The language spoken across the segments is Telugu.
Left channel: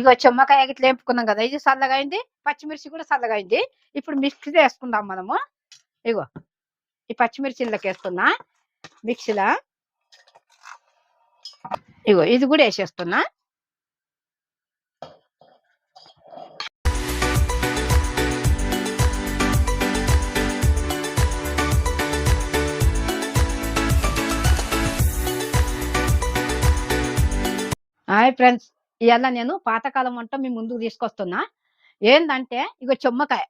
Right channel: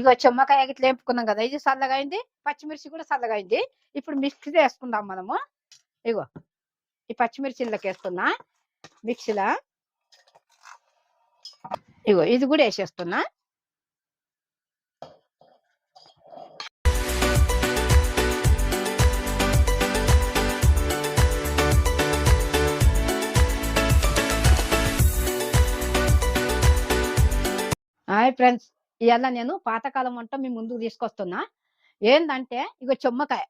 ఇగో చెమ్మకాయ గిట్ల వేపుకున్నాం కదా, ఇది చల్లగా అయింది, పచ్చిమిర్చి కూడా చల్లగా అయింది. ఇప్పుడు మిక్సీ వేసుకుందాం మనము. ఇగో ఈ పచ్చిమిర్చి ఇందులోకి వేస్తున్నా మిక్సీలా. ఇగో ఇది కూడా వేసేస్తున్నా. హాయ్ ఫ్రెండ్స్, ఇవాళ నేను పాతకాలం వంట మీ ముందుకు తీసుకొస్తున్నా. ఏందంటే ఇగో చెమ్మకాయ.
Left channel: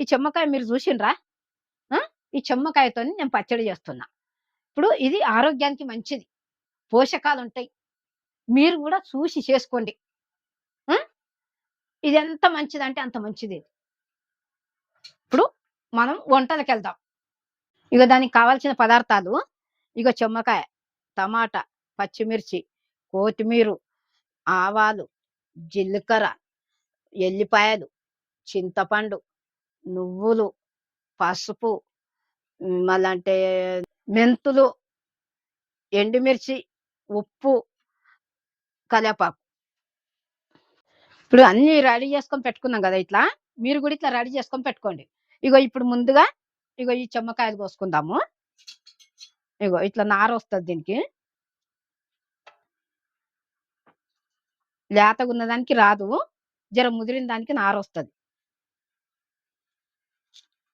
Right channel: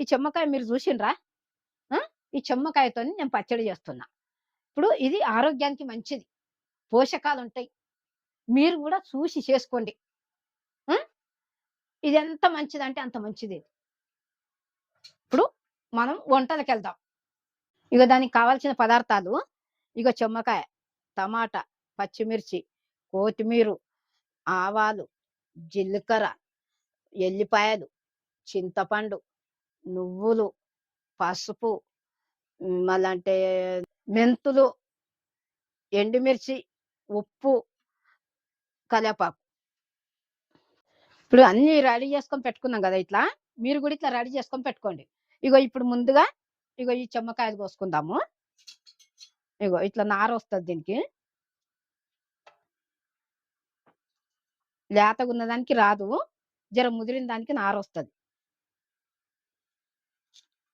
ఈ చెమ్మకాయ మీరు చూసిండ్రా? ఈ చెమ్మకాయతో నేను పచ్చడి చేస్తున్నా. ఇప్పుడు ఇది ఆరోగ్యానికి మంచిది, పోషకాలు ఉంటాయి. మీరు కూడా చూసి చేసుకోండి. ఇది ఎంత మంచిదంటే అంత మంచిది. ఇప్పుడు మనం వంటలకు వెళ్దాం. ఇక దానికి కావాల్సిన పదార్థాలు ఇక చెమ్మకాయ, టమాటా, పచ్చిమిర్చి, కొత్తిమీర, ఆవాలు, జీలకర్ర, ఎల్లిపాయలు, చింతపండు, నువ్వులు, పసుపు, మళ్ళంటే మెంతులు, ఎండుమిర్చి, ఉప్పు, కరివేపాకు. ఇప్పుడు అన్ని రెడీ చేసుకొని పెట్టుకున్నాం కదా, ఇట్లా మీరు కూడా ఇట్లా రెడీ చేసుకొని పెట్టుకోండి. ఇగో ఇప్పుడు ముందుగా ఇగో ఈ చెమ్మకాయలు కోసుకుందాము. ఇగో ఇట్లా నార వస్తుంది దీనికి, లేతగా ఉన్న దానికి రాదు, జర ముదిరిన దానికి నార వస్తుంది.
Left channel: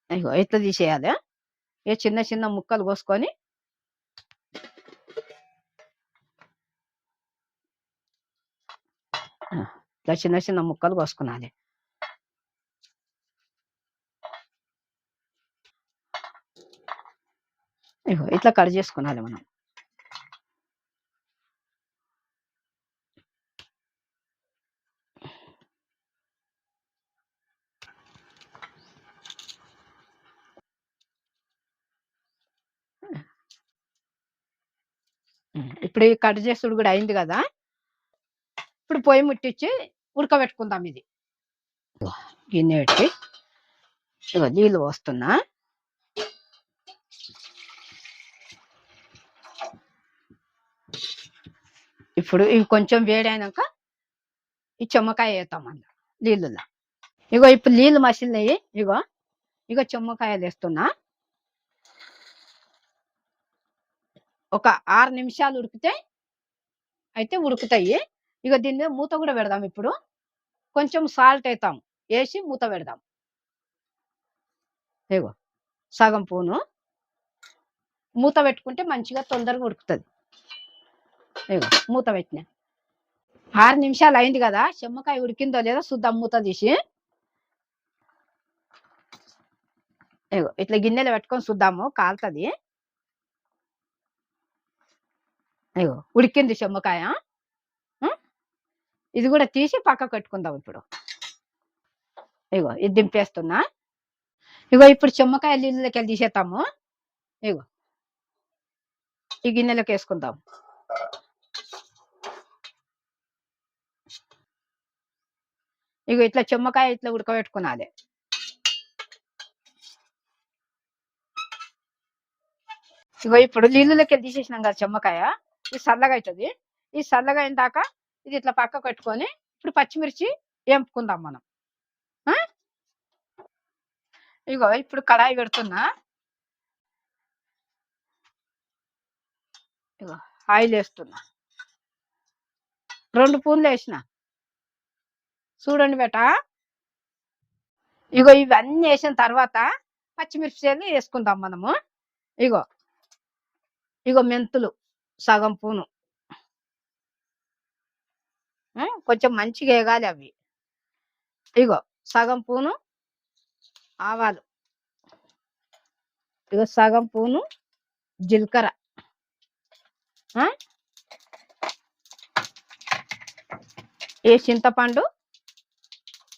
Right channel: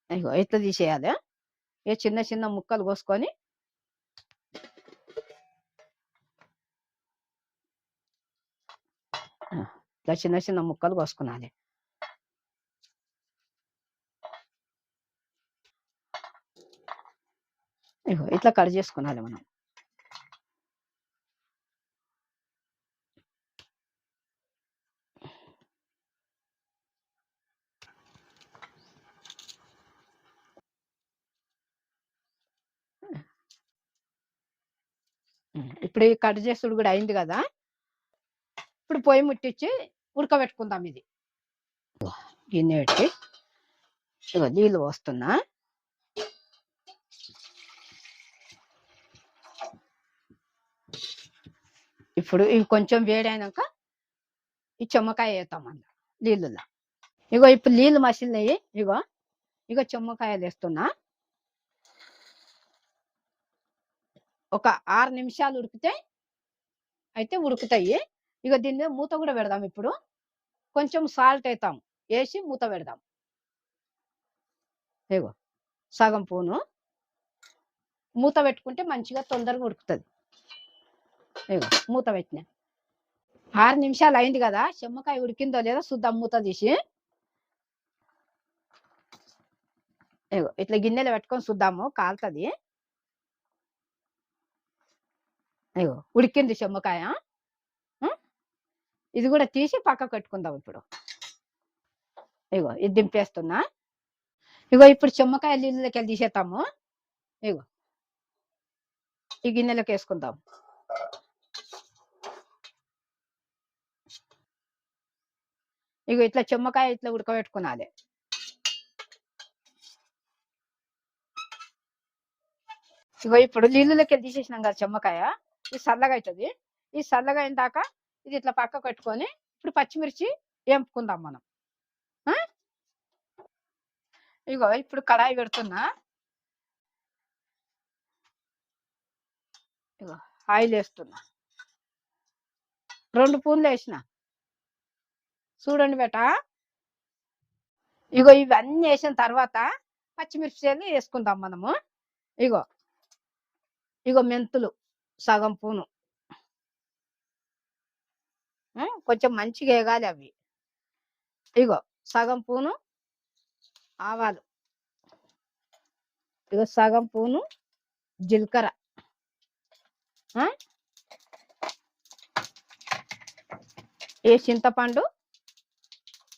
ఇగో ఇట్లా తీసేయాలి. ఇక చిన్న చిన్న ముక్కలు కోసుకొని ఇట్లా చిన్న చిన్న ముక్కలు కోసుకున్నాలి. ఇగో ఇట్లా కట్ చేసుకున్నాలి మనం. ఇప్పుడు ఈ కట్ చేసుడు కూడా అయింది కదా, ఇప్పుడు పొయ్యి ముట్టించి ఉడకబెట్టుకుందాం. ఇది గిన్నె పెట్టి ఇగో నీళ్ళు పోస్తున్నా. ఇప్పుడు ఇంకొంచెం వేడైనాక ఈ చెమ్మకాయ వేస్తాం అందులో నీళ్ళులా. ఇగో ఇప్పుడు నీళ్ళు మసిలినాయి. ఇగో చెమ్మకాయలు వేస్తున్నా. ఒక 6 నిమిషాలు ఉడికితే అయితే ఉడుకుతాయి. ఇక దీని మీద మూత కూడా పెడదాం. ఇప్పుడు కొంచెం సాల్ట్ వేస్తాం, వేసి మూత పెడదాం. ఇగో సగం పూను మూత పెట్టుకుంటే మంచిగా తొందరగా ఉడుకుతుంది. ఇగో మూత పెట్టిన 6 నిమిషాలు అయింది కదా, చెమ్మకాయ ఉడికిందో లేదో చూద్దాం మూత తీసి. ఇగో ఇట్లా గిన్నెలు పెట్టుకొని చూద్దాము, కాలుతుంది. ఇగో ఉడికింది చెమ్మకాయ. ఇది కూడా తీసి పక్కకు పెట్టుకుందాం. ఇప్పుడు ఇగో ఇది దింపేస్తున్నా. ఇగో ఇప్పుడు చెమ్మకాయ నీళ్ళకి వెళ్ళి తీసేస్తాము. ఇగో ఈ గిన్నెలకు వేసుకుందాం. ఇగో ఇట్లా చెమ్మకాయ ఇట్లా ఉడకబెట్టుకున్నది. ఇగో ఇప్పుడు నీళ్ళకి వెళ్ళి తీసేసినాం కదా చెమ్మకాయ, ఇది చల్లగా అవుతుంది. ఈ చల్లగా అయిన దాకా ఇది ఇట్లా పక్కకు పెట్టుకొని ఇప్పుడు పచ్చిమిర్చి వేపుకుందాం మనం. ఇగో ఇప్పుడు కడాయి పెడుతున్నా. ఇగో ఆయిల్ వేస్తున్నా. 2 స్పూన్లు వేసిన. చూడండి బేట. ఇగో ఇవన్నీ వేసిన తర్వాత పచ్చిమిర్చిలు వేసుకుందాం మనము. ఇగో ఇగో మెంతులు సగం పూను, కొంచెం మంచిగా వేగాలి అవి. ఇగో సగం పూను ఆవాలు, ఇగో సగం పూను జీలకర్ర, ఏ చింతపండు,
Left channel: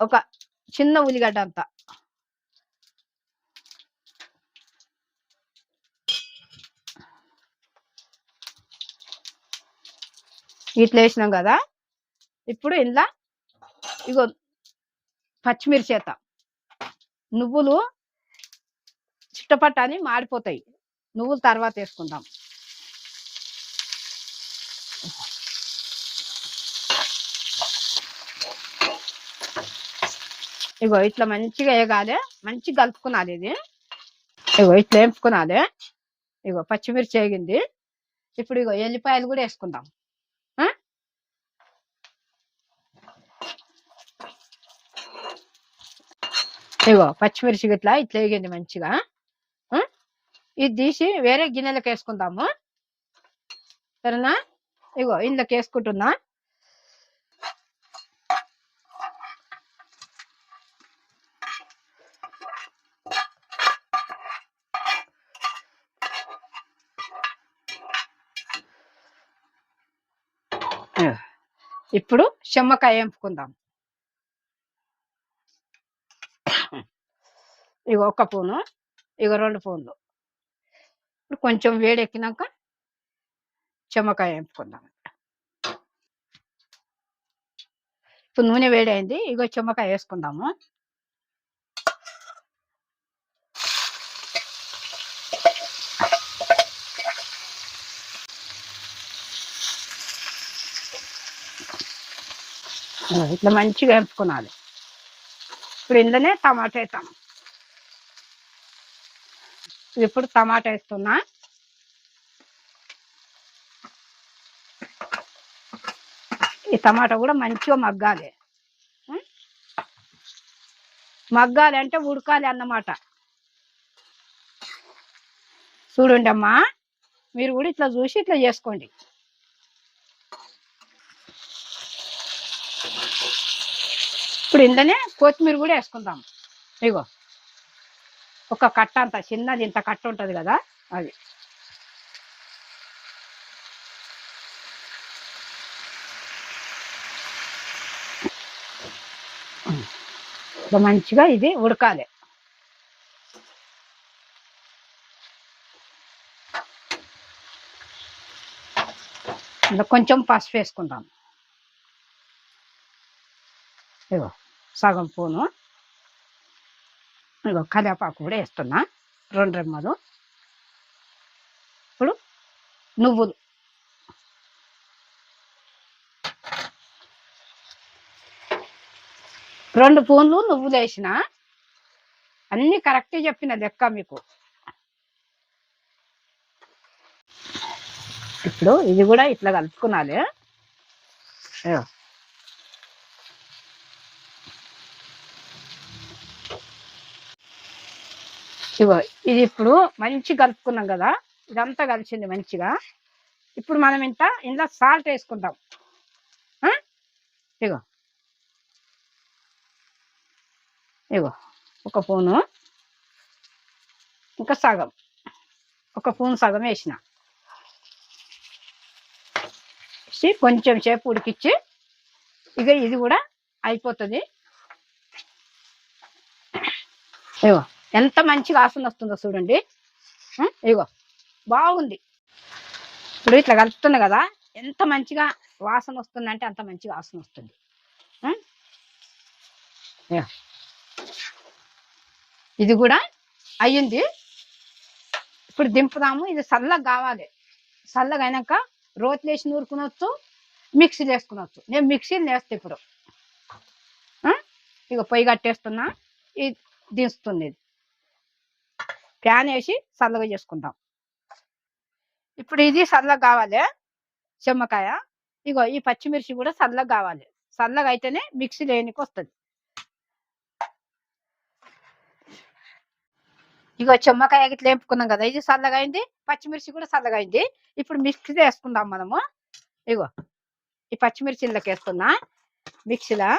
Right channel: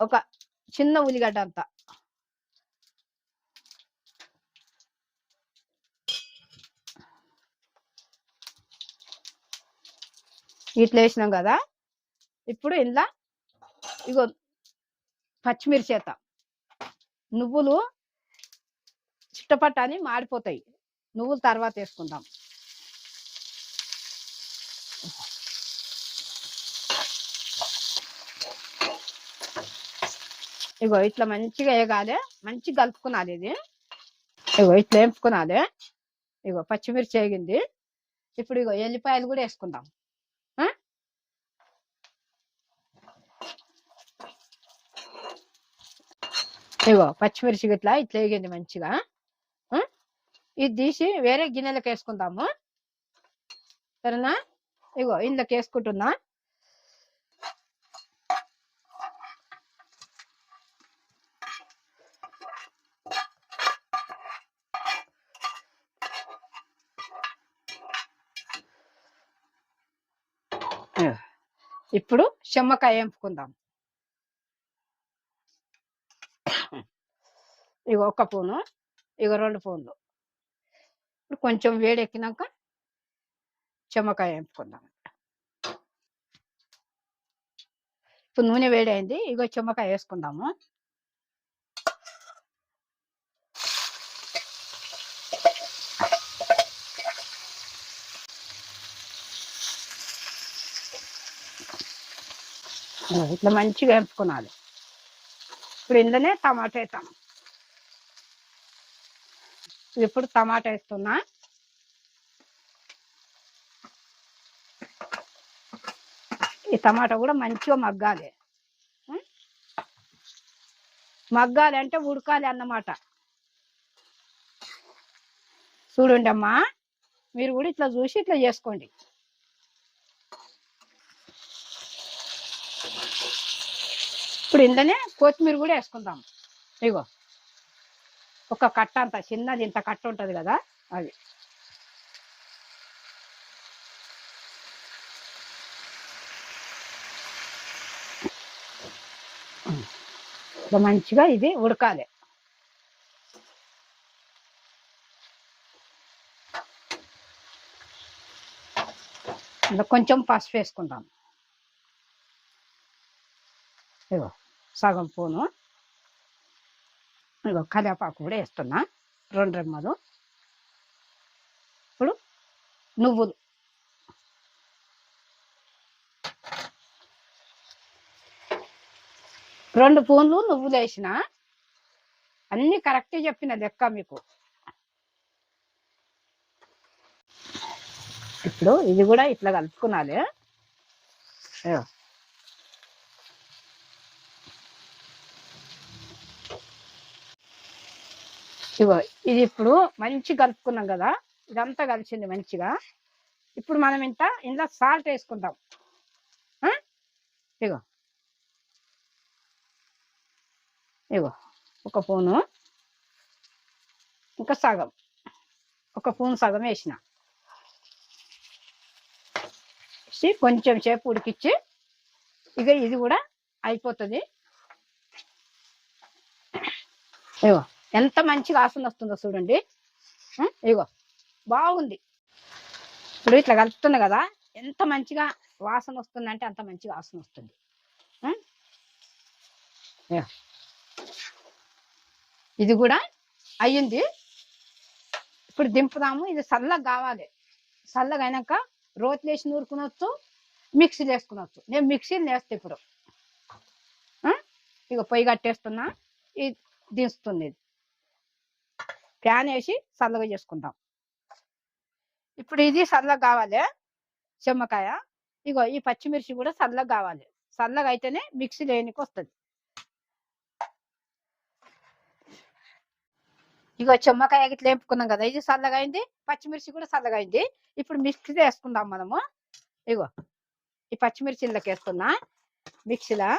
ఒక చిన్న ఉల్లిగడ్డ అంతా. ఇట్లా వేసినాం కదా, ఇప్పుడు ఇందులో ఇగో పచ్చిమిర్చి వేద్దాం. నువ్వులు చిట్టపట్ట అని మాడిపోతాయి, నువ్వులు తర్వాత వేసుకుందాం. ఇగో ఇట్లా మంచిగా వేగాలి, మంచిగా కలుపుకున్నది ఇది. ఇగో ఇట్లా వేపుకున్నది. ఇగో పచ్చిమిర్చి వేగింది. ఇప్పుడు ఇగో ఎల్లిపాయలు కూడా వేసుకుందాం. ఇగో పచ్చిమిర్చి ఇట్లా ఇట్లా వేగింది మంచిగా. ఇది తీసి వేరే గిన్నెలకు వేసుకుందాము, సరేనా? ఇగో ఇందులోకి వేసుకుంటున్నా. ఇప్పుడు చెమ్మకాయ వేపుకుందాం. ఇగో ఒక పూను, ఇగో 2 పూన్లు. ఇప్పుడు కొంచెం వేడెక్కినాక చెమ్మకాయ వేపుకుందాం. ఇప్పుడు నూనె వేడైంది, ఇగో చెమ్మకాయ వేసుకుందాము. ఇట్లా మంచిగా వేపుకోవాలి. ఇప్పుడు ఇందులోనే టమాటా వేస్తాం. ఇప్పుడు టమాటా వేస్తున్నా. ఈ టమాటా కూడా మంచిగా మగ్గాలి. మగ్గాలి అంటే ఉడకాలి అన్నమాట. చూడండి అమ్మా, మీరు కూడా ఇట్లా చూసి ఇట్లా చేసుకోండి. ఇప్పుడు ఇందులోనే కొత్తిమీర కూడా వేసుకుందాం. ఇగో ఒక కట్ట అంత చిన్నది, ఇంత కట్ట ఉంటుంది కదా అది. మంచిగా ఇది ఉడకాలి. కొంచెం పసుపు వేసుకుందాం. ఇగో సగం పూను. ఇగో కరివేపాకు కూడా వేస్తున్నా, 2 రెమ్మలు. ఇప్పుడు నువ్వులు, 2 పూన్లు నువ్వులు వేసిన. అన్ని కరెక్ట్ చెప్పిన లెక్క మీకు. ఇప్పుడు ఇది కూడా ఇట్లా కలుపుకున్నాలి. ఇగో ఇది ఇప్పుడు మంచి కలుపుకున్నాం కదా, ఇదంతా కలిసింది మంచిగా. ఇప్పుడు మనం ఇందులో సాల్ట్ వేసుకుందాం. ఇగో ఇగో ఒక పూను, ఇంకా సగం, ఒక పూను సగం వేసిన. కొంచెం సేపు ఉడికిచ్చి ఇక ఇది కూడా అయిపోతుంది. ఇగో ఎంత మంచిగా వాసన వస్తుందో చూడండి. ఇగో బాగుంది. ఇప్పుడు ఇట్లా కలుపుతుంది కదా, ఎంత మంచిగా వాసన వస్తుందంటే అంత మంచిగా వాసన వస్తుంది. ఇది కూడా అయ్యింది. ఇప్పుడు దింపుదాము. ఇది చల్లగా కావాలి. చల్లగా అయినాక రోట్లు వేసి నూరుకునొచ్చు, మిక్సీలు వేసుకునొచ్చు. నేను మిక్సీలు వేస్తే ఇప్పుడు ఇక పొయ్యి కట్టేస్తున్నా. ఇది దించుతుంది. ఇది ప్యాన్ వేసి చల్లగా చేసుకుందాం. ఇప్పుడు ఇది చల్లగా కావాలి చెమ్మకాయ. ఇగో ఈ పచ్చిమిర్చి కూడా చల్లగా కావాలి. చల్లగా అయితేనే మిక్సీ వేయనికి వస్తుంది. ఇగో చెమ్మకాయ ఇట్లా వేపుకున్నాం కదా, ఇది చల్లగా అయింది. పచ్చిమిర్చి కూడా చల్లగా అయింది. ఇప్పుడు మిక్సీ వేసుకుందాం మనము. ఇగో ఈ పచ్చిమిర్చి ఇందులోకి వేస్తున్నా మిక్సీలా.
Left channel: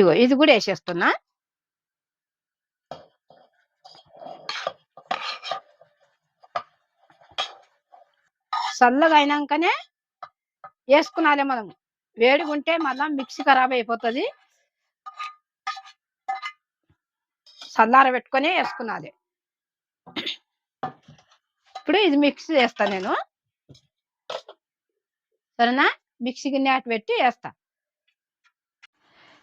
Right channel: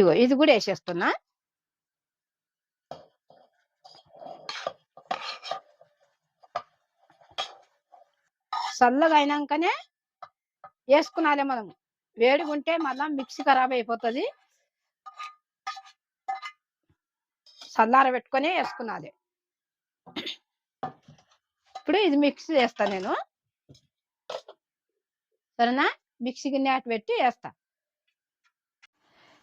ఇగో ఇది కూడా వేసేస్తున్నా. చల్లగా అయినాకనే వేసుకున్నాలే మనం. వేడిగా ఉంటే మళ్ళా మిక్సీ ఖరాబ్ అయిపోతుంది. చల్లార పెట్టుకొని వేసుకున్నది. ఇప్పుడు ఇది మిక్సీ చేస్తా నేను, సరేనా? మిక్సీ గిన్నె అటు పెట్టి వేస్తా.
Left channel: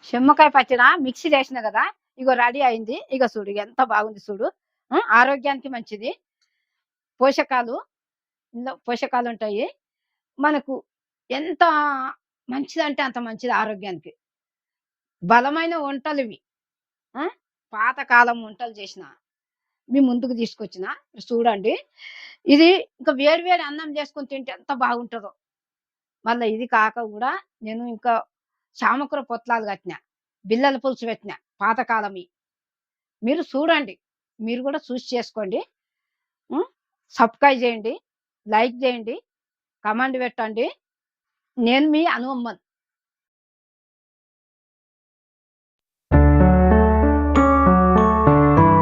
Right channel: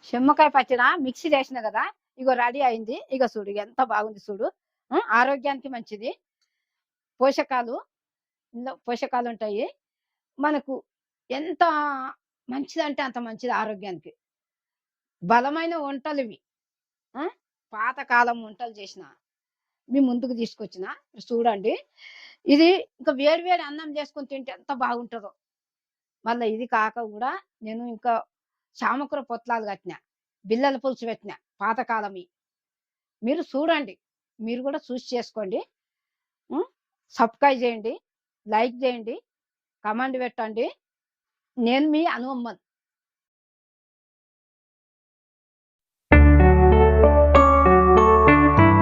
చెమ్మకాయ పచ్చడి మిక్సీ చేసిన కదా, ఇగో రెడీ అయింది. ఇక చూడు ఎంత బాగుంది చూడు. ఆరోగ్యానికి మంచిది. పోషకాలు ఉంటాయి. మనకు ఎంత మంచిదంటే అంత మంచిది ఆరోగ్యానికి. బలమైన వంటలివి. ఆ! పాతకాలం వంటలు చేసిన మీ ముందుకు తీసుకొచ్చిన. చూడండి. ఇది ఇంకా వేడి వేడి అన్నం చేసుకొని తింటే ఎంత బాగుంటదో. మళ్ళా ఇది కాక గూడా నేను ఇంకా చామకూర పొట్లాలు కట్టినా. బిళ్ళల పులుసు పెట్టినా పాతకాలమి. మీరు చూడండి. మీరు గూడా చూసి చేసుకోండి. హ్మ్. సబ్‌స్క్రైబ్ చేయండి. లైక్ చేయండి. కామెంట్ పెట్టండి. నేను మీ అనువమ్మన్.